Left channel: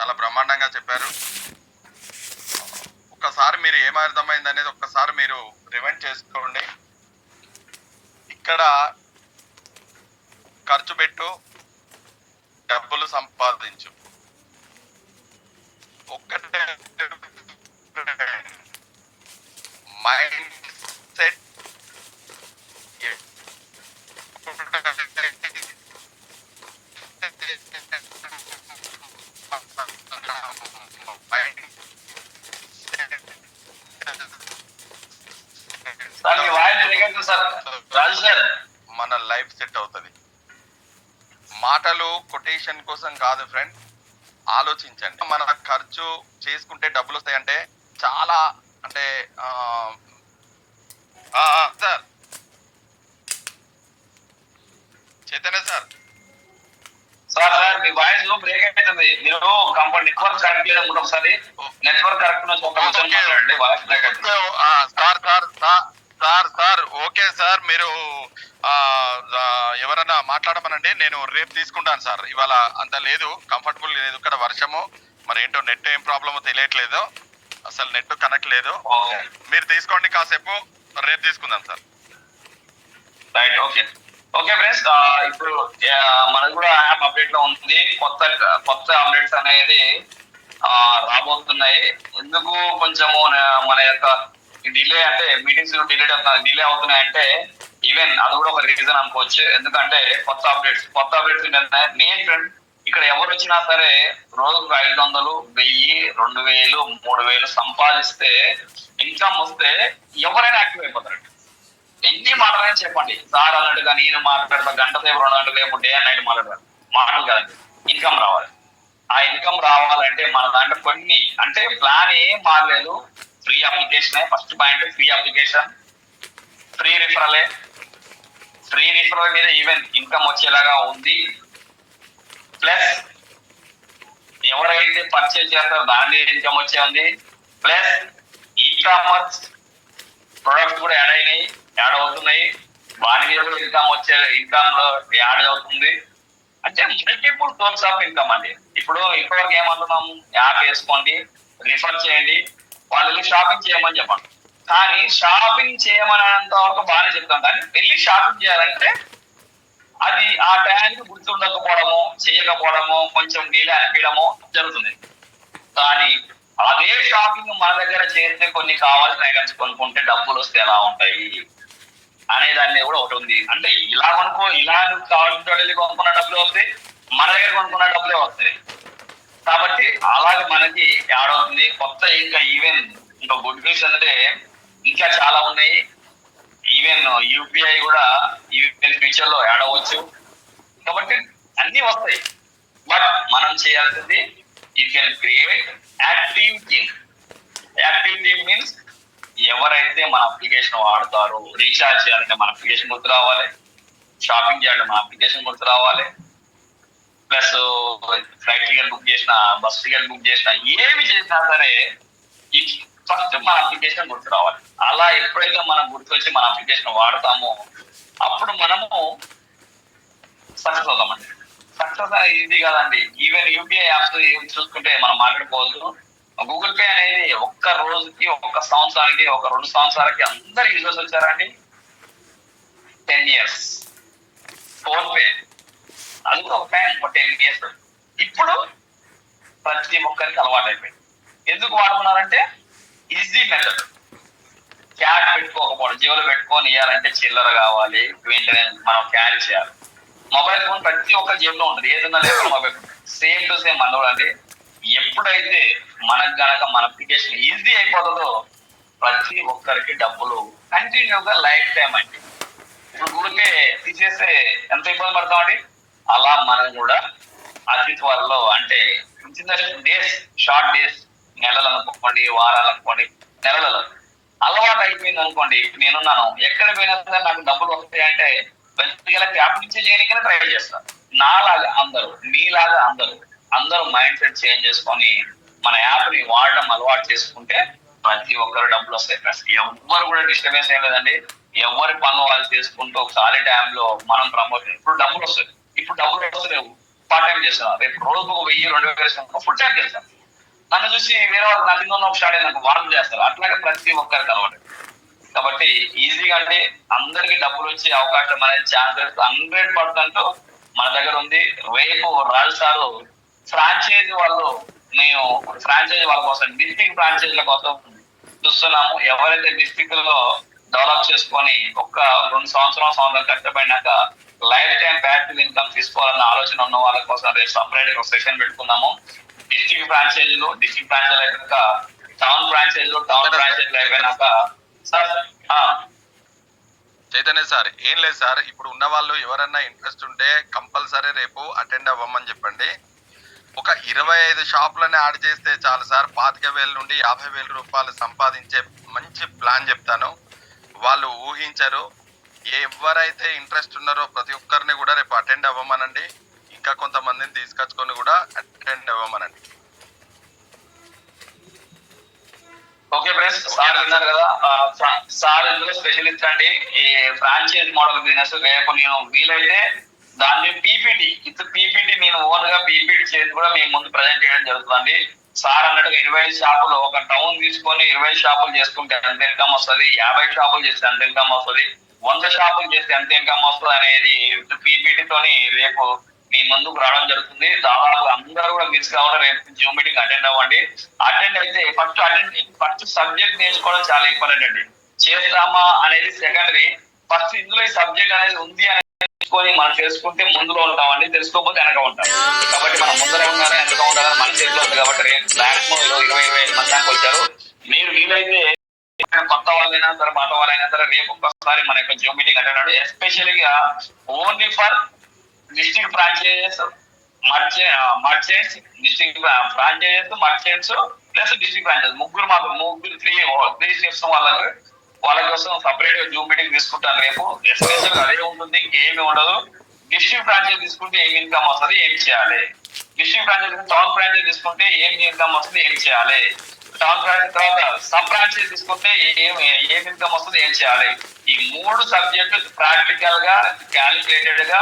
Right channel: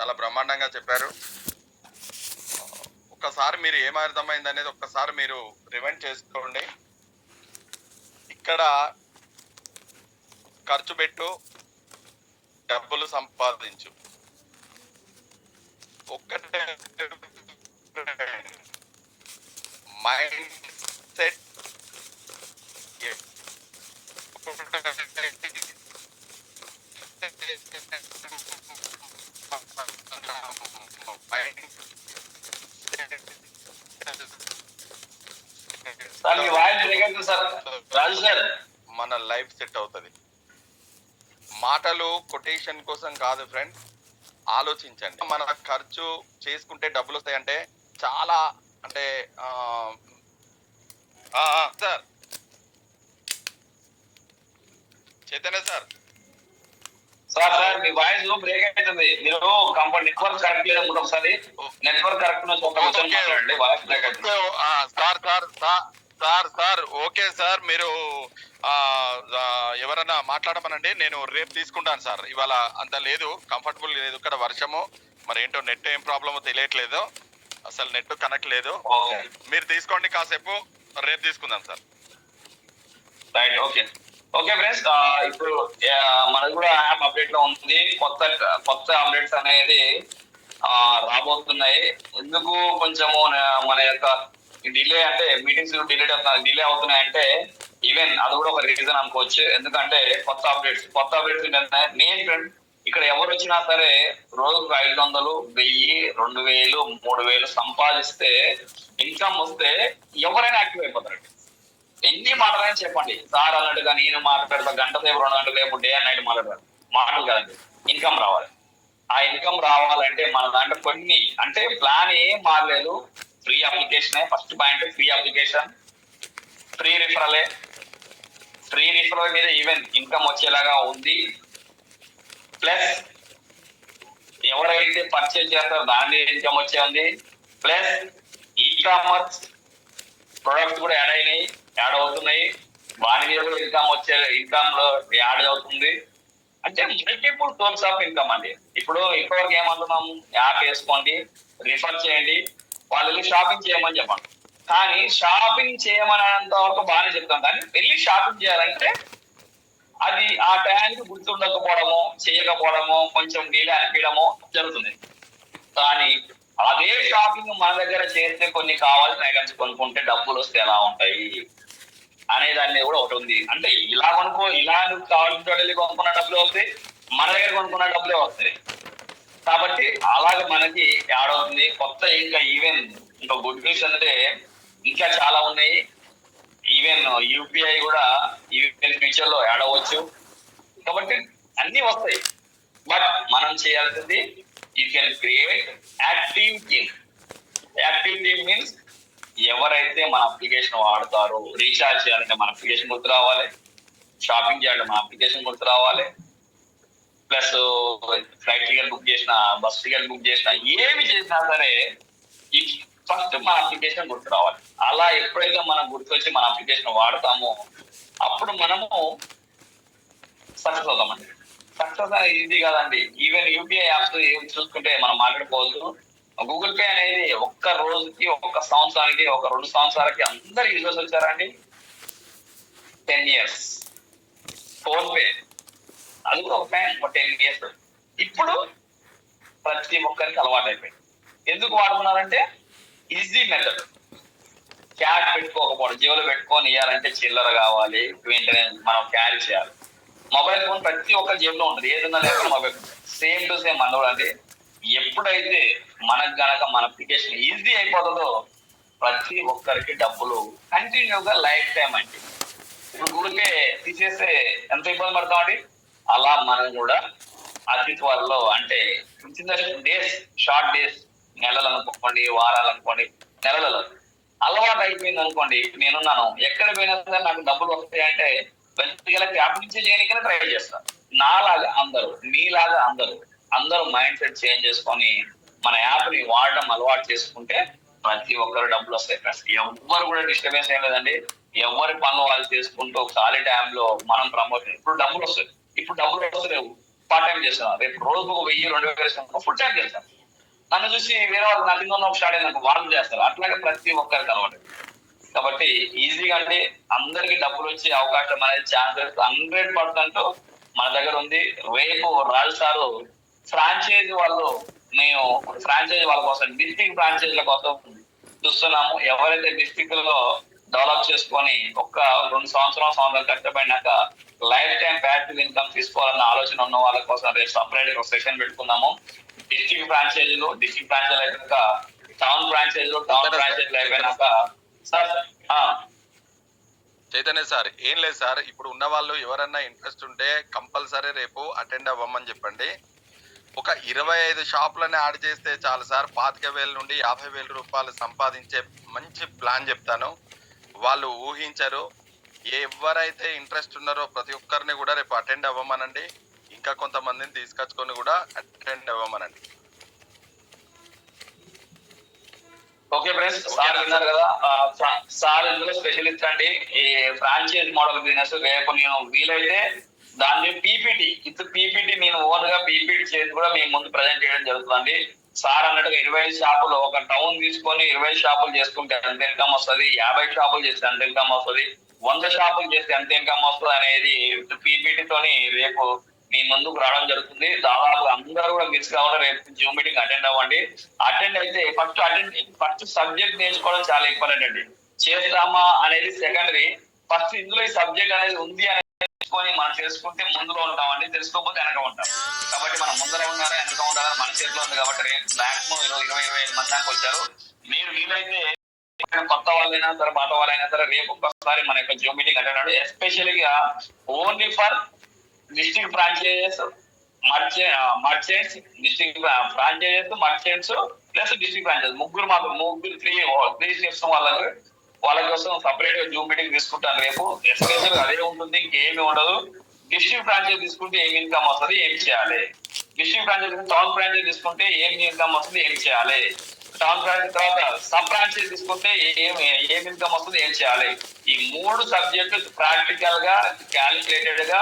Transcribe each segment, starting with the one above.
చాలా బ్రహ్మాండంగా చెప్పారు. ఒక్కసారి మీరు ఏం అర్థమైంది అనేది ఒక్కసారి మీరు రివైండ్ చేసుకోండి. ఇక్కడ ఖర్చు పెట్టు, డబ్బులు సంపాదించు, ఒక్కటే మైండ్ సెట్. మన లైఫ్ సెట్ అవుతుంది. మాటలు కొటేషన్ కోసం కాదు ఫ్రెండ్, ఆలోచించండి. మన ఖర్చు చేసుకుంటే డబ్బులు వస్తాయంటే చాలా అంటే sir Chaitanya sir sir sir మీ వాయిస్ బ్రేక్ అవుతుంది. మీరు కంపల్సరీ నెట్వర్క్ కరెక్ట్ లేదు. ఒకసారి నెట్వర్క్ కరెక్ట్ మాట్లాడండి. వాయిస్ బ్రేక్ అవుతుంది. Sir sir sir sir okay sir, మీరు ఎవరన్నా మాట్లాడమనండి, నేను రేపు తీసుకుంటాను సార్. ఇవాళ అంత లేదు, కంఫర్టబుల్ లేదు ఇక్కడ, వర్షము మరి ఏంటో నెట్ ఏం ప్రాబ్లమో తెలియట్లేదు, అసలు నెట్ కనెక్ట్ లేదు. మీరు తీసుకోండి కాసేపు, రేపు తీసుకుందాం sir. Right, okay okay friends. ఇప్పుడు మనది కూడా యాప్ అప్డేట్ లో ఉంది. కొత్త అప్డేట్స్ అనేది రాబోతున్నాయి. ఎందుకు కొంచెము మన యొక్క డిలే అంటే మీటింగ్స్ డిలే అవుతున్నాయి అంటే ఈవెన్ అది కూడా ఒక రీజన్ అనుకోవచ్చు. ఎందుకంటే కొత్త అప్డేట్స్ నేను ఫ్రెండ్ ఇక్కడ ఎవరు వచ్చినా సరే రోజుకు 500, 1000, 2000, 3000 సంపాదిస్తే ఇన్కమ్ వస్తే ఎవరైనా యాక్టివ్ అయిపోతారు. ఎన్ని మాట్లాడని చెప్పండి, సార్ అన్నట్టుగా నేను మాట్లాడతా, గంట సేపు 2 గంటల సేపు డే అండ్ నైట్ మాటలు కదండి. ఇన్కమ్ రావాలి. ఆ ఇన్కమ్ రావాలంటే మన దాంట్లో కొన్ని అంటే ప్లాన్ ఏం మారలేదు. Free application, first point free application, free referral మీద ఈవెన్ ఇన్కమ్ వచ్చేలాగా ఉంది. ప్లస్ ఎవరైతే పర్చేజ్ చేస్తారో దాని మీద ఇన్కమ్ వచ్చే ఉంది. ప్లస్ ఈ కామర్స్ ప్రొడక్ట్స్ కూడా యాడ్ అవుతున్నాయి. వాని మీద కూడా ఇన్కమ్ లో యాడ్ అవుతుంది. అంటే మల్టిపుల్ సోర్స్ ఆఫ్ ఇన్కమ్ అండి. ఇప్పుడు ఇప్పటివరకు ఏమంటున్నాం, యాప్ వేసుకోండి, రిఫర్ చేయండి, వాళ్ళు షాపింగ్ చేయమని చెప్పండి. కానీ షాపింగ్ చేయమనేంత వరకు బాగానే చెప్తాం, కానీ వెళ్ళి షాపింగ్ చేయాలంటే అది ఆ టైంకి గుర్తుండకపోవడము, చేయకపోవడము, కొంచెం డీలే అనిపించడము జరుగుతుంది. కానీ అదే షాపింగ్ మన దగ్గర చేస్తే కొన్ని కావాల్సిన ఐటమ్స్ కొనుక్కుంటే డబ్బులు వస్తే ఎలా ఉంటాయి అనే దాన్ని కూడా ఒకటి ఉంది. అంటే ఇలా నువ్వు కావాల్సిన వెళ్ళి కొనుక్కున్న డబ్బులు వస్తాయి, మన దగ్గర కొనుక్కున్న డబ్బులే వస్తాయి. కాబట్టి అలాగే మనకి యాడ్ అవుతుంది. కొత్త ఇంకా గుడ్ న్యూస్ అంటే ఇంకా చాలా ఉన్నాయి. ఈవెన్ యూపీఐ కూడా ఈవెన్ ఫ్యూచర్ లో యాడ్ అవ్వచ్చు. కాబట్టి అన్ని వస్తాయి. బట్ మనం చేయాల్సింది you can create active team means ఎవరైతే మన అప్లికేషన్ వాడతారో, రీఛార్జ్ చేయాలంటే మన అప్లికేషన్ గుర్తు రావాలి, షాపింగ్ చేయాలంటే మన అప్లికేషన్ గుర్తు రావాలి, ప్లస్ ఫ్లైట్ టికెట్ బుక్ చేసిన, బస్ టికెట్ బుక్ చేసిన, ఏమి చేసినా సరే ఫస్ట్ మన అప్లికేషన్ గుర్తు రావాలి. అలా ఎప్పుడైతే మనం గుర్తొచ్చి మన అప్లికేషన్ వాడతామో అప్పుడు మనము సక్సెస్ అవుతామండి. సక్సెస్ అనేది ఈజీ కాదండి. ఈవెన్ యూపీఐ యాప్స్ చూసుకుంటే మనం మాట్లాడుకోవచ్చు. గూగుల్ పే అనేది ఒక్క రోజుకి, ఒక్క సంవత్సరానికి, ఒక 2 సంవత్సరాలకి అందరు యూజర్స్ వచ్చారండి. 10 years. ఫోన్ పే అది కూడా ఒక 10 years. ఇప్పుడు ప్రతి ఒక్కరికి అలవాటు అయిపోయింది. ఎందుకు వాడుతున్నారంటే ఈజీ మెథడ్. క్యాష్ పెట్టుకోకపోవడం, జేబులో పెట్టుకొని ఇవ్వాలంటే చిల్లర కావాలి, వెంటనే మనం క్యారీ చేయాలి. మొబైల్ ఫోన్ ప్రతి ఒక్కరి జేబులో ఉంటుంది, ఏదన్నా లేకుండా mobile phone same to same అంటే ఎప్పుడైతే మనకు గనక మన అప్లికేషన్ ఈజీ అయిపోతుందో ప్రతి ఒక్కరికి డబ్బులు కంటిన్యూగా లైఫ్ టైం అండి. ఇప్పుడు ఊరికే తీసేస్తే ఎంత ఇబ్బంది పడతామండి. అలా మనం కూడా అతి త్వరలో అంటే చిన్న డేస్, షార్ట్ డేస్, నెలలు అనుకోండి, వారాలు అనుకోండి, నెలలలో అలవాటు అయిపోయింది అనుకోండి. ఇప్పుడు నేనున్నాను, ఎక్కడ పోయినా సరే నాకు డబ్బులు వస్తాయంటే యాప్ నుంచి చేయడానికైనా ట్రై చేస్తాను. నాలాగా అందరూ, మీలాగా అందరూ మైండ్ సెట్ చేంజ్ చేసుకొని మన యాప్ ని వాడడం అలవాటు చేసుకుంటే ప్రతి ఒక్కరు డబ్బులు వస్తాయి. ఎవ్వరు కూడా డిస్టర్బెన్స్ ఏం లేదండి. ఎవరి పనులు వాళ్ళు చేసుకుంటూ ఖాళీ టైంలో మనం ప్రమోషన్ ఇప్పుడు డబ్బులు వస్తలేవు. పార్ట్ టైం చేస్తాను. రేపు రోజుకు 1000-2000 ఫుల్ టైం చేస్తాను. నన్ను చూసి వేరే వాళ్ళు నథింగ్ ఉన్న స్టార్ట్ అయినాక వాళ్ళు చేస్తారు. అట్లాగే ప్రతి ఒక్కరికి అలవాటు. కాబట్టి ఈజీగా అంటే అందరికి డబ్బులు వచ్చే అవకాశం అనేది ఛాన్సెస్ 100% మన దగ్గర ఉంది. రేపు రాజు సారు ఫ్రాంచైజీ మేము ఫ్రాంచైజీ వాళ్ళ కోసం డిస్ట్రిక్ట్ ఫ్రాంచైజీల కోసం చూస్తున్నాము. ఎవరైతే డిస్ట్రిక్ట్ లో డెవలప్ చేసుకొని 2 సంవత్సరాలు కష్టపడినాక లైఫ్ టైం ప్యాసివ్ ఇన్కమ్ తీసుకోవాలన్న ఆలోచన ఉన్న వాళ్ళ కోసం రేపు సపరేట్ ఒక సెషన్ పెట్టుకున్నాము. డిస్ట్రిక్ట్ ఫ్రాంచైజీలు అయిపోయాక టౌన్ ఫ్రాంచైజీలు అయిపోయినాక సార్ చైతన్య సార్, ఏం లేదు సార్, ఇప్పుడు ఉన్న వాళ్ళు ఎవరన్నా ఇంట్రెస్ట్ ఉంటే కంపల్సరీ రేపు అటెండ్ అవ్వమని చెప్పండి. ఒక 25 షాపులని యాడ్ చేస్తే చాలు సార్, 25,000 నుండి 50,000 రూపాయలు సంపాదించే మంచి ప్లాన్ చెప్తాను. వాళ్ళు ఊహించరు. ఎవరైతే ఇంట్రెస్ట్ ఉన్నారో ప్రతి ఒక్కరిని కూడా రేపు అటెండ్ అవ్వమనండి. ఇంకా కొంతమందిని తీసుకొచ్చుకొని కూడా అటెండ్ అవ్వమనండి. ఓకే ఫ్రెండ్స్, సార్ విన్నారు కదా. సార్ ఇందులో స్పెషలిస్ట్ అండి ఈ ఫ్రాంచైజ్ మోడల్ బిజినెస్. రేపు నేను వీలైతే దాని పీపీటీ నేను ఓన్ గా పీపీటీ చేసి కూడా మేము ముందు ప్రజెంట్ చేయడం జరుగుతుంది. సార్ అన్నట్టుగా 25 షాపులు ఒక టౌన్ తీసుకొని 20 షాపులు చేసుకుంటే ఎంత ఇన్కమ్ వస్తుంది, 50 షాపులు చేస్తే ఎంత ఇన్కమ్ వస్తుంది, 100 షాపులు చేస్తే ఎంత ఇన్కమ్ వస్తుంది అనేది పీపీటీతోని రేపు మీ ముందుకు రావడం జరుగుతుంది. దాదాపు అందరూ కూడా మిస్ కావాలి. రేపు జూమ్ మీటింగ్ అటెండ్ అవ్వండి. అటెండ్ అయితే ఫస్ట్ సబ్జెక్ట్ నేర్చుకోవడం చాలా ఇంపార్టెంట్ అండి. చేస్తామా అనేది సెకండరీ. ఫస్ట్ ఇందులో ఈ సబ్జెక్ట్ అనేది ఉంది అని మనం చేసుకుంటే ముందులో ఉంటామండి, తెలుసుకోకపోతే వెనక ఉంటాం. కాబట్టి మనం ముందర ఉండాలి, వెనక ఉండాలని మన చేతిలో ఉంది. కాబట్టి రేపు మాక్సిమం 20-25 మంది దాకా వచ్చారు. మీరు వీలైతే కొత్త వాళ్ళైనా సరే పాత వాళ్ళైనా సరే రేపు ఒక్కసారి మన యొక్క జూమ్ మీటింగ్ అటెండ్ అవ్వండి. ఎస్పెషల్గా only for district franchises, merchants, district franchises, merchants plus district franchises ముగ్గురు త్రీ స్టెప్స్ వాళ్ళ కోసం సపరేట్ గా జూమ్ మీటింగ్ తీసుకుంటాను రేపు. ఎస్పెషల్ అదే ఉంటుంది, ఇంకేమీ ఉండదు. డిస్ట్రిక్ట్ ఫ్రాంచైజ్ తీసుకుంటే ఏం ఇన్కమ్ వస్తుంది, ఏం చేయాలి, డిస్ట్రిక్ట్ ఫ్రాంచైజ్ టౌన్ ఫ్రాంచైజ్ తీసుకుంటే ఏం ఇన్కమ్ వస్తుంది, ఏం చేయాలి, టౌన్ ఫ్రాంచైజ్ తర్వాత సబ్ ఫ్రాంచైజ్ తీసుకుంటే ఏం ఇన్కమ్ వస్తుంది, ఏం చేయాలి. ఈ 3 సబ్జెక్టులు ప్రాక్టికల్ గా క్యాలిక్యులేటెడ్ గా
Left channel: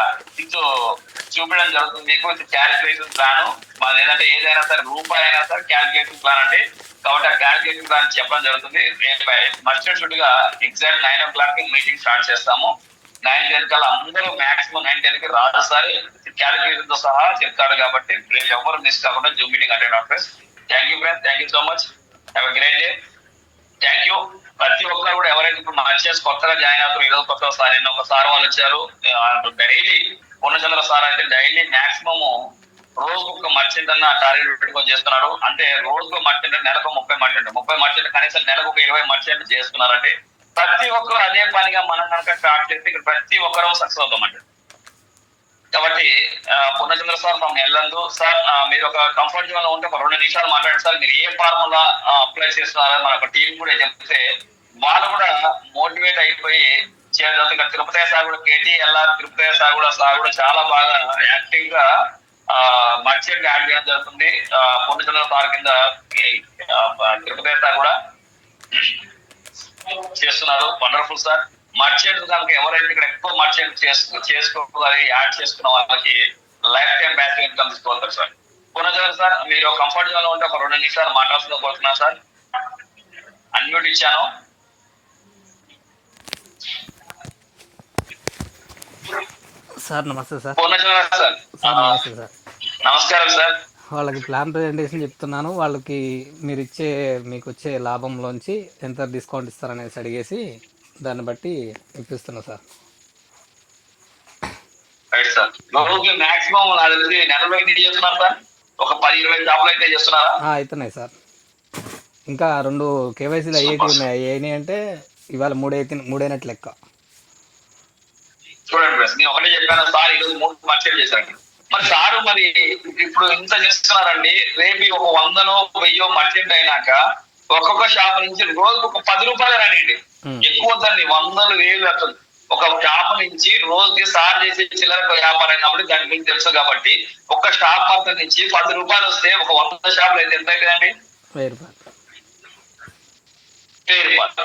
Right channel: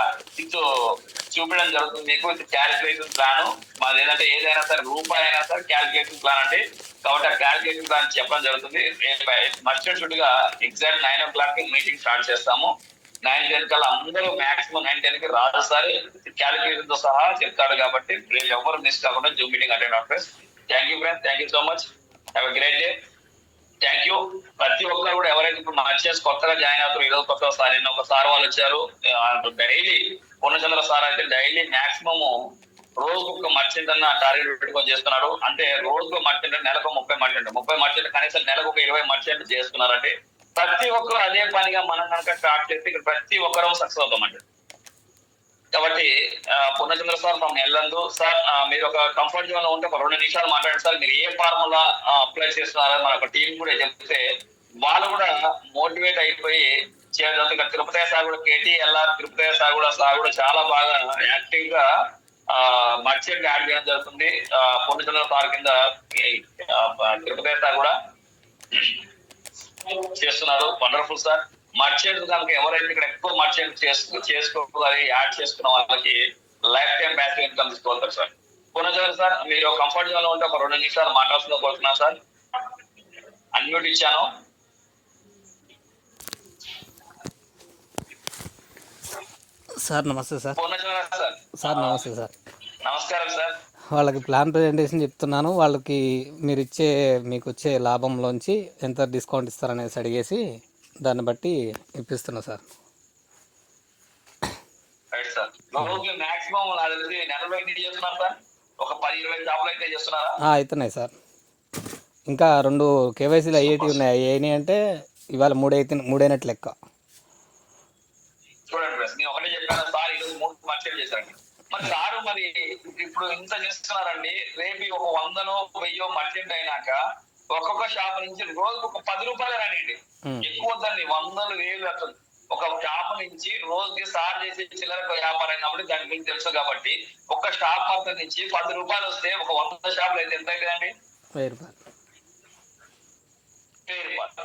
చూపించడం జరుగుతుంది మీకు. క్యాలిక్యులేషన్ ప్లాన్ మాది ఏదంటే ఏదైనా సరే రూపాయి అయినా సరే క్యాలిక్యులేషన్ ప్లాన్ అంటే. కాబట్టి ఆ క్యాలిక్యులేషన్ ప్లాన్ చెప్పడం జరుగుతుంది. మర్చెంట్ షుడ్ గా ఎగ్జాక్ట్ 9 o'clock మీటింగ్ స్టార్ట్ చేస్తాము. 9-10 కల్లా అందరూ మాక్సిమం 9-10 రాదు సార్ క్యాలిక్యులేషన్ తో సహా చెప్తాడు. కాబట్టి రేపు ఎవరు మిస్ కాకుండా జూమ్ మీటింగ్ అటెండ్ అవ్వండి. Thank you friends, thank you so much, have a great day. Thank you. ప్రతి ఒక్కరు కూడా ఎవరైతే ఇప్పుడు మర్చెంట్స్ కొత్తగా జాయిన్ అవుతారు, ఈరోజు కొత్తగా సార్ నిన్న ఒక సార్ వాళ్ళు వచ్చారు. డైలీ పూర్ణచంద్ర సార్ అయితే డైలీ మాక్సిమం రోజుకు ఒక మర్చెంట్ అన్న టార్గెట్ పెట్టుకొని చేస్తున్నాడు. అంటే రోజుకు మర్చెంట్ నెలకు 30 మర్చెంట్ కనీసం నెలకు ఒక 20 మర్చెంట్ చేస్తున్నారంటే ప్రతి ఒక్కరు అదే పనిగా మనం కనుక స్టార్ట్ చేస్తే ఇక్కడ ప్రతి ఒక్కరు సక్సెస్ అవుతామండి. కాబట్టి పూర్ణచంద్ర సార్ తమ వెళ్ళందు సార్, మీరు ఒక కంఫర్ట్ జోన్ లో ఉంటే ఒక 2 నిమిషాలు మాట్లాడండి సార్. మీరు ఏ ఫార్ములా అప్లై చేస్తున్నారని మన ఒక టీం కూడా చెప్తే వాళ్ళు కూడా మోటివేట్ అయిపోయి చేయడం. ఇక్కడ తిరుపతి సార్ కూడా KTLR తిరుపతి సార్ కూడా చాలా బాగా యాక్టివ్ గా మర్చెంట్ యాడ్ చేయడం జరుగుతుంది. పూర్ణచంద్ర సార్ కింద తిరుపతి సార్ కూడా చేస్తున్నారు. Wonderful sir. మర్చెంట్ కనుక ఎవరైతే ఇక్కడ ఎక్కువ మర్చెంట్ చేసుకోవాలి యాడ్ చేసుకున్న వాళ్ళకి లైఫ్ టైం ప్యాసివ్ ఇన్కమ్ తీసుకోవాలి సార్. పూర్ణచంద్ర సార్ మీరు కంఫర్ట్ జోన్ లో ఉంటే ఒక 2 నిమిషాలు మాట్లాడుతున్నా కోరుతున్నాను సార్. అన్మ్యూట్ ఇచ్చాను. సార్ నమస్తే సార్. పూర్ణచంద్ర సార్. సార్ నమస్తే సార్. నమస్కారం సార్. వాళ్ళకి ప్లాన్ ప్రజెంటేషన్ చెప్తున్నాను. వాళ్ళకి మీకు వచ్చే లాభంలోంచి ఎంత డిస్కౌంట్ ఇస్తారనేసి అడిగేసి దాన్ని బట్టి ఇప్పిస్తున్నా సార్. Right sir. మాక్సిమం నెలలో ఎన్ని చేస్తున్నారు సార్? ఒక 10-20 జాబులు అయితే చేస్తున్నారా? అవుతున్నాయి సార్. ఇంకా 2 KYCలు అయ్యి అంటే ఇవాళ 3 అయినట్లు లెక్క. చూడండి ఫ్రెండ్స్, నేను ఒకటే చెప్పాను సార్, ఈరోజు 3 మర్చెంట్ చేశాను. మరి సారు మరి ఇప్పుడు ఇంత చేస్తున్నారండి. రేపు ఒక 100-1000 మర్చెంట్ అయినాక ఒక్కొక్క షాప్ నుంచి రోజుకు ఒక 10 రూపాయలు రానియండి, ఎక్కువ వద్దండి, 100,000 వస్తుంది. ఒక షాప్ నుంచి రోజుకి సార్ చేసే చిల్లర వ్యాపారం అయినప్పుడు దాని గురించి తెలుసు. కాబట్టి ఒక్క షాప్ మొత్తం నుంచి 10 రూపాయలు వస్తే ఒక 100 షాపులు అయితే ఎంత అవుతుందండి? 1000 రూపాయలు.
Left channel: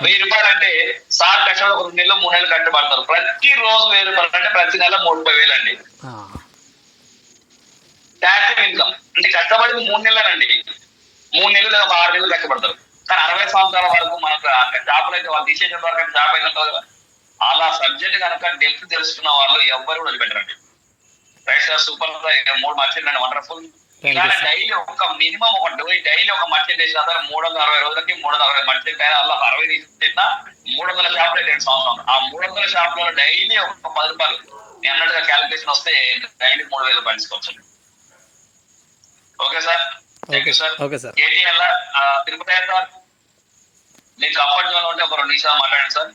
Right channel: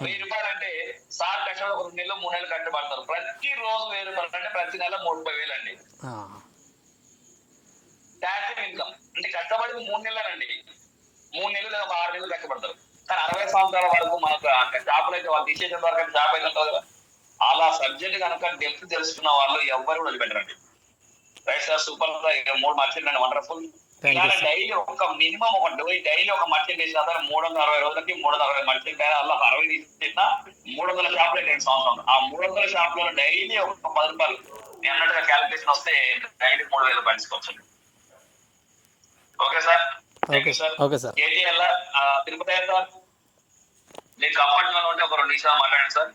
1000 రూపాయలు అంటే సార్ కష్టపడి ఒక 2 నెలలు 3 నెలలు కట్టబడతారు. ప్రతి రోజు 1000 రూపాయలు అంటే ప్రతి నెల 30,000 అండి. ప్యాసివ్ ఇన్కమ్ అంటే కష్టపడింది 3 నెలలండి, 3 నెలలు లేదా 6 నెలలు కష్టపడతారు. కానీ 60 సంవత్సరాల వరకు మనకు జాబ్లు అయితే వాళ్ళు తీసేసిన వరకు జాబ్ అయితే ఉంటుంది కదా. అలా సబ్జెక్ట్ కనుక డెప్త్ తెలుసుకున్న వాళ్ళు ఎవ్వరు కూడా వదిలిపెట్టరండి. Right sir, super sir. 3 merchant wonderful. ఇలానే డైలీ ఒక మినిమం ఒక డైలీ ఒక మర్చెంట్ చేసిన 360 రోజులకి 360 మర్చెంట్ అయినా అలా 60 తీసిన 300 షాపులు అయితే 2 సంవత్సరం. ఆ 300 షాపులలో డైలీ ఒక 10 రూపాయలు నేను అన్నట్టుగా క్యాలిక్యులేషన్ వస్తే డైలీ 3000 రూపాయలు తీసుకోవచ్చు. Okay sir, thank you sir. Okay sir. KTL Tirupati sir, మీకు కంఫర్ట్ జోన్ ఉంటే ఒక 2 నిమిషాలు మాట్లాడండి సార్.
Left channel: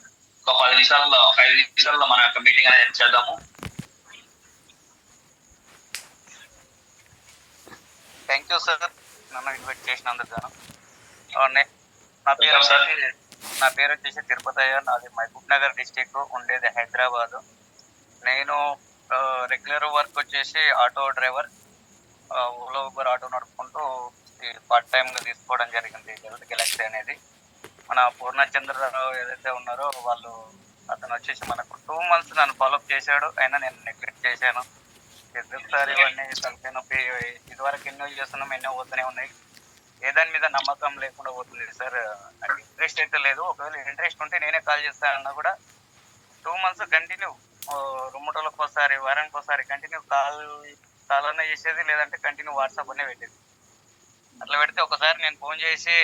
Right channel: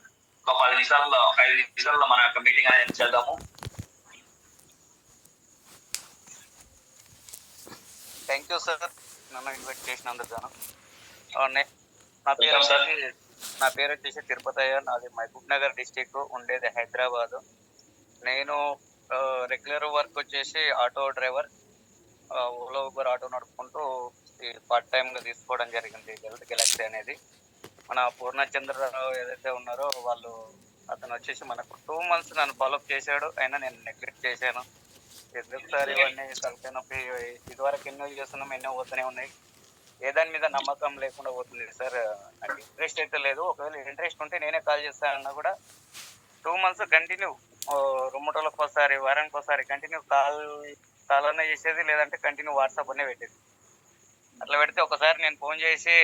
ఒక 10 నిమిషాలలో 5 నిమిషాలలో మన యొక్క మీటింగ్ అనేది చేద్దాము. థ్యాంక్ యూ సార్, నన్ను ఇన్వైట్ చేసినందుకు గాను. నా పేరు వచ్చేసి తిరుపతయ్య. నాది మహబూబ్ నగర్ డిస్టిక్, ఉండేది హైదరాబాద్. నేను రెగ్యులర్ వర్క్ వచ్చేసి auto driver, Ola Uber auto నడుపుకుంటూ పార్ట్ టైంగా తీసుకోవడం జరిగింది హెల్త్ గెలాక్సీ అనేది. మన పూర్ణచంద్రరావు ఏదైతే ఉన్నారో వాళ్ళు, అతను వచ్చేసి మనకు 2 months నన్ను ఫాలోఅప్ చేశాడు. అయినా నేను నెగ్లెక్ట్ చేశాను. ఎందుకు సార్ ఇవన్నీ తలకాయ నొప్పి, ఇదివరకు ఎన్నో చేస్తున్నాం, ఎన్నో పోతూనే ఉన్నాయి. ఏదాని మీద నమ్మకం లేకుండా పోతుంది సార్. నాకు ఇంట్రెస్ట్ అయితే లేదు. ఒకవేళ ఇంట్రెస్ట్ ఉంటే నేనే కాల్ చేస్తానన్నా కూడా 2 months కంటిన్యూ, 2 రోజులకు ఒకసారి, వారానికి ఒకసారి కంటిన్యూ కాల్ అన్న చేసేది, లేదంటే కంటిన్యూ వాట్సాప్ అనే పెట్టేది. అట్లా పెడితే ఒకసారి నేను ఫోన్ చేసి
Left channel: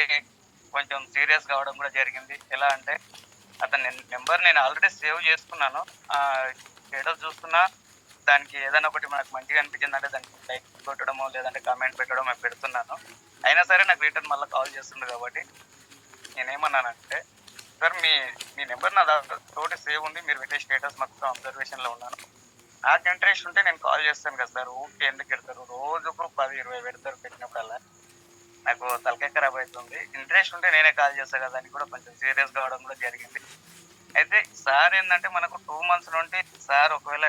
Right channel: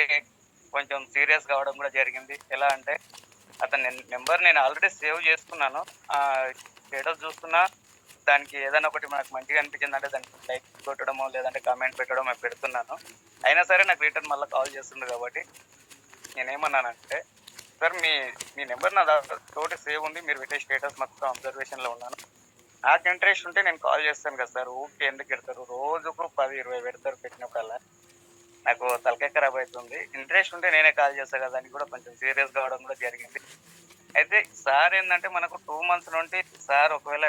కొంచెం సీరియస్ కావడం కూడా జరిగింది. ఎలా అంటే అతని నెంబర్ నేను ఆల్రెడీ సేవ్ చేసుకున్నాను. స్టేటస్ చూస్తున్నా, దానికి ఏదైనా ఒకటి మనకు మంచిగా అనిపించిందంటే దానికి లైక్ కొట్టడమో లేదంటే కామెంట్ పెట్టడమో పెడుతున్నాను. అయినా సరే నాకు రిటర్న్ మళ్ళీ కాల్ చేస్తుంది. కాబట్టి నేనేమన్నానంటే, సార్ మీ నెంబర్ నా తోటి సేవ్ ఉంది, మీరు పెట్టే స్టేటస్ మొత్తం అబ్జర్వేషన్లో ఉన్నాను. నాకు ఇంట్రెస్ట్ ఉంటే నేను కాల్ చేస్తాను కదా సార్. ఊరికే ఎందుకు పెడతారు, రోజుకు 10-20 పెడతారు. పెట్టినప్పుడల్లా నాకు తలకాయ ఖరాబ్ అవుతుంది. ఇంట్రెస్ట్ ఉంటే నేనే కాల్ చేస్తాను కదా. దానికి కూడా కొంచెం సీరియస్ కావడం కూడా జరిగింది. అయితే సార్ ఏంటంటే మనకు 2 months నుండి సార్ ఒకవేళ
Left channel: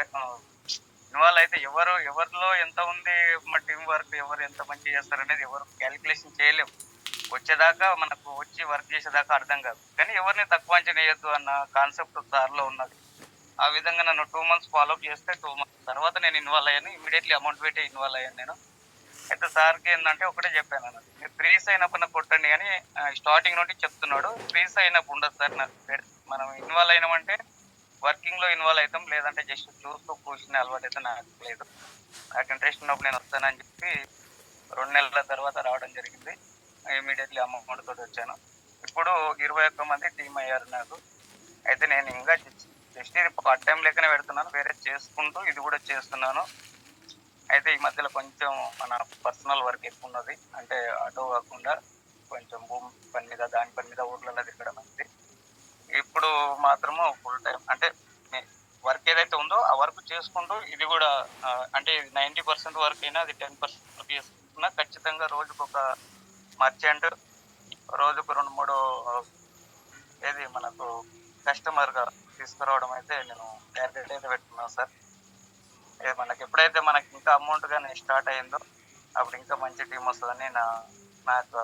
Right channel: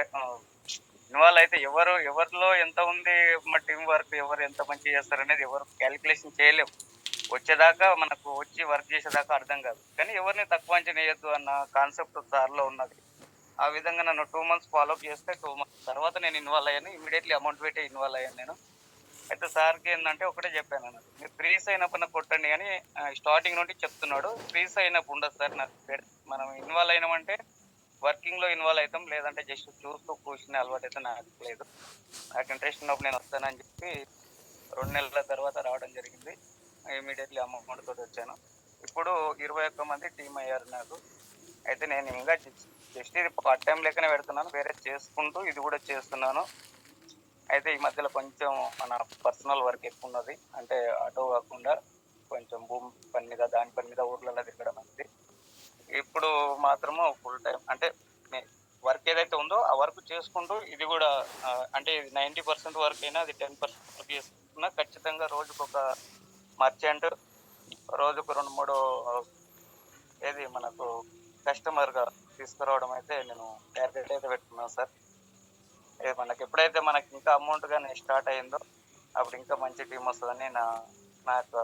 ఇన్వాల్వ్ అయితే ఎవరిలో ఎంత ఉంది, మా టీం వర్క్ ఎవరు ఎంత మంచి చేస్తారు అనేది ఎవరు క్యాలిక్యులేషన్ చేయలేము. వచ్చేదాకా మనకు వచ్చి వర్క్ చేసేదాకా అర్థం కాదు. కానీ ఎవరిని తక్కువ అంచనా వేయద్దు అన్న కాన్సెప్ట్ సార్లో ఉన్నది. ఆ విధంగా నన్ను 2 months ఫాలోఅప్ చేస్తే 2 months తర్వాత నేను ఇన్వాల్వ్ అయ్యాను. ఇమీడియట్లీ అమౌంట్ పెట్టి ఇన్వాల్వ్ అయ్యాను నేను. అయితే సార్కి ఏంటంటే ఒకటే చెప్పాను అన్నది, మీరు ఫ్రీస్ అయినప్పుడు కొట్టండి అని స్టార్టింగ్ నుండి చెప్తున్నాడు. ఫ్రీస్ అయినప్పుడు ఉండదు సార్. నాకు మనం ఇన్వాల్వ్ అయినామంటే వర్కింగ్లో ఇన్వాల్వ్ అవుతాం, లేదంటే జస్ట్ చూస్తూ కూర్చునే అలవాటు అయితే నాకు లేదు. నాకు ఇంట్రెస్ట్ ఉన్నప్పుడు నేను వస్తానని చెప్పి 2 నెలల తర్వాత రావడం జరిగింది. ఇమీడియట్లీ అమౌంట్ తోటి వచ్చాను. ఇప్పుడు 21 మంది టీం అయ్యారు నాకు. అయితే నేను ఇంకా జస్ట్ ఇది పార్ట్ టైం లెక్కనే పెడుతున్నాను, వేరే చేసుకుంటూ ఇది కూడా చేస్తున్నాను. అయితే ఈ మధ్యలో కొంచెం మన పర్సనల్ వర్క్ ఎక్కువ ఉన్నది. అంటే ఆటో కాకుండా కొంచెం భూమి పని మీద, దాని పని మీద ఊర్లలో తిరగడం అనేది. ఇప్పుడు మాత్రము ఫుల్ టైం అంటే వర్క్ ఏదైతే ఉందో ఆ వర్క్ చేసుకుంటూ ఇది కూడా అంటే 90% వర్క్ అయినా అది 10% వర్క్ చేసుకుంటున్నా. ఖచ్చితంగా రోజుకు ఒక మర్చెంట్, రోజుకు 2-3 ఏది మనకు కస్టమర్గా తీసుకురావడం అయితే నేను టార్గెట్ అయితే పెట్టుకున్నాను సార్. మనకి ఎప్పుడైతే మనకి ఇంకా అమౌంట్ కానీ స్టార్ట్ అయిందో అప్పుడు ఇంకా మంచి టీం వస్తుందని నా యొక్క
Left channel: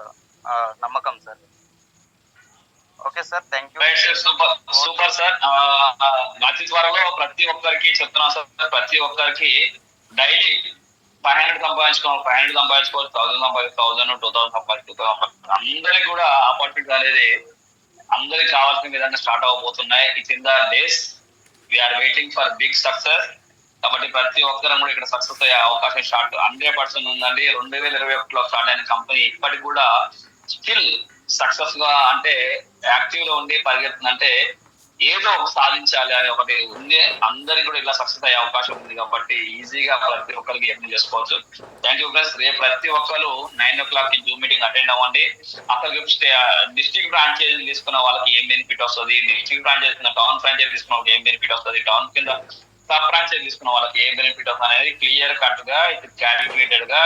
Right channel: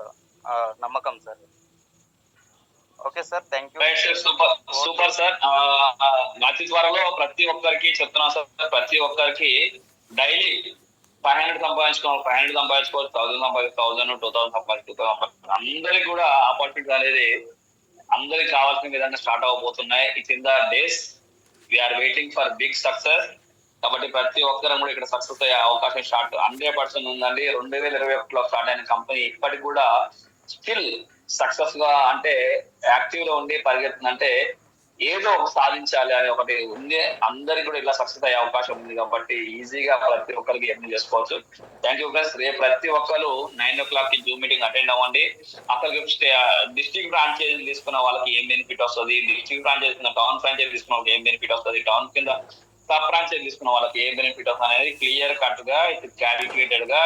నమ్మకం sir. Okay sir, thank you. Super sir. అతి త్వరలో ప్రతి ఒక్కరికి చెప్తున్నాను సార్, ప్రతి ఒక్కరికి డైలీ 500 సంపాదించుకోవాలి, 1000 సంపాదించుకోవాలి, 1000 2000 సంపాదించుకోవాలి. అందరికి కూడా ఆపర్చునిటీ అనేది అందరికి కావాల్సిన విధంగా స్టార్ట్ అవబోతున్నాయి. It's in the days we are waiting for big success. కాబట్టి ప్రతి ఒక్కరం కూడా ఇక్కడ సక్సెస్ అయ్యే అవకాశం 100% ఉందండి. 2021లో స్టార్ట్ అయిన కంపెనీ ఇప్పటికి కూడా స్టిల్ సక్సెస్ గా అంటే యాక్టివ్ లో ఉండి పరిగెత్తుందంటే ఏదో సాధించాలి అని ఒకటి ఉంది. అందరికి కూడా ఇలా సక్సెస్ అయ్యే అవకాశం ఉంది. కాబట్టి ఈజీగా ప్రతి ఒక్కరికి ఎర్న్ చేసుకోవచ్చు. Thank you friends. రేపు ప్రతి ఒక్కరు 9 o'clock జూమ్ మీటింగ్ అటెండ్ అవ్వండి. అక్కడికి డిస్ట్రిక్ట్ ఫ్రాంచైజీ తీసుకున్న వాళ్ళకి ఏం బెనిఫిట్ వస్తుంది, డిస్ట్రిక్ట్ ఫ్రాంచైజీ టౌన్ ఫ్రాంచైజీ తీసుకున్న వాళ్ళకి ఏం బెనిఫిట్ వస్తుంది, టౌన్ కింద సబ్ ఫ్రాంచైజీ తీసుకున్న వాళ్ళకి ఏం బెనిఫిట్ వస్తుంది అనేది క్లియర్ కట్ గా క్యాలిక్యులేటెడ్ గా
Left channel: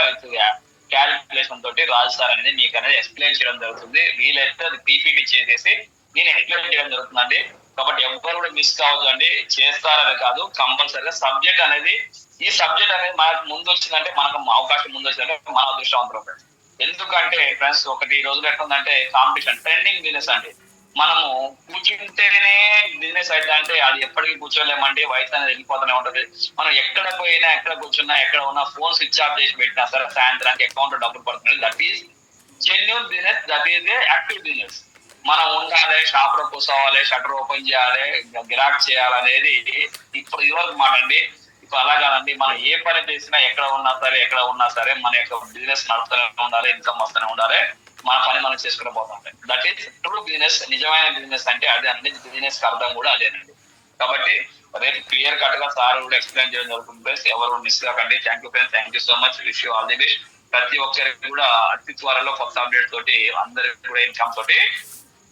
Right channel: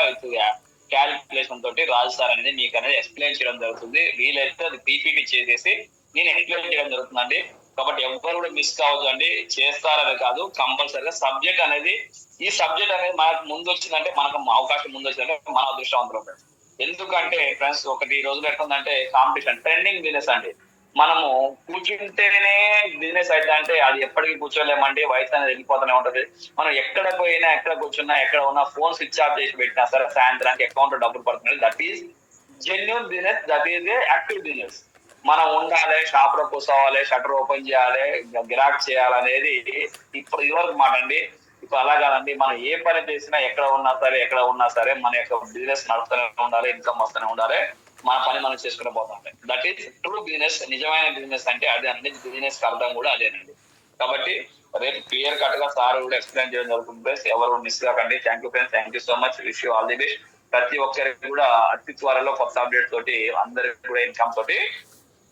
క్యాలిక్యులేషన్ తోటి రాజు సార్ అనేది మీకు అనేది ఎక్స్ప్లెయిన్ చేయడం జరుగుతుంది. వీలైతే అది పీపీటీ చేసేసి నేను ఎక్స్ప్లెయిన్ చేయడం జరుగుతుందండి. కాబట్టి ఎవరు కూడా మిస్ కావద్దు అండి. చేస్తారని కాదు, కంపల్సరీగా సబ్జెక్ట్ అనేది ఈ సబ్జెక్ట్ అనేది మనకు ముందు వచ్చిందంటే, మనకు అవకాశం ముందు వచ్చిందంటే మన అదృష్టవంతులు. ఎందుకంటే ఫ్రెండ్స్ ఒకటి రోజులు ఎట్లుందంటే కాంపిటీషన్ ట్రెండింగ్ బిజినెస్ అండి. మనము కూర్చుంటేనే బిజినెస్ అయితే అంటే అది ఎప్పటికీ కూర్చోలేమండి, వయసు అనేది వెళ్ళిపోతూనే ఉంటది. మనం ఎక్కడ పోయినా, ఎక్కడ కూర్చున్నా, ఎక్కడ ఉన్నా ఫోన్ స్విచ్ ఆఫ్ చేసి పెట్టినా సరే సాయంత్రానికి అకౌంట్ లో డబ్బులు పడుతుంది. That is genuine business, that is a active business. మనం ఉండాలి, షాప్ లో కూర్చోవాలి, షట్టర్ ఓపెన్ చేయాలి, గిరాక్ చేయాలనేది ఇప్పుడు ఇదివరకు మాట అండి. ఇప్పుడు అలా కాదండి, మనం ఏ పని చేసినా ఎక్కడ ఉన్నా సరే మన యొక్క బిజినెస్ నడుస్తూనే ఉండాలి, ఇన్కమ్ వస్తూనే ఉండాలి, మన పని మనం చేసుకుని పోతాం. That is true business. నిజమైన బిజినెస్ అంటే అదే అండి, బిజినెస్ అర్థం కూడా అదేనండి. కాబట్టి రేపు క్లియర్ కట్ గా సార్ కూడా ఎక్స్ప్లెయిన్ చేయడం జరుగుతుంది ఫ్రెండ్స్. ఎవరు మిస్ కాకండి. Thank you friends, thank you so much, wish you all the best. ప్రతి ఒక్కరికి కూడా అతి త్వరలో కొత్త అప్డేట్ తోటి అందరికి కూడా ఇన్కమ్ తోటి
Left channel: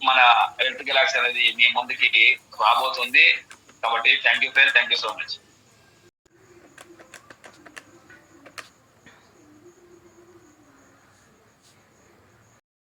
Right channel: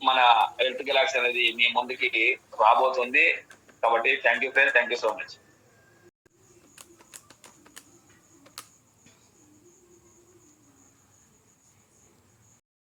మన హెల్త్ గెలాక్సీ అనేది మీ ముందుకి రాబోతుంది. కాబట్టి thank you friends, thank you so much.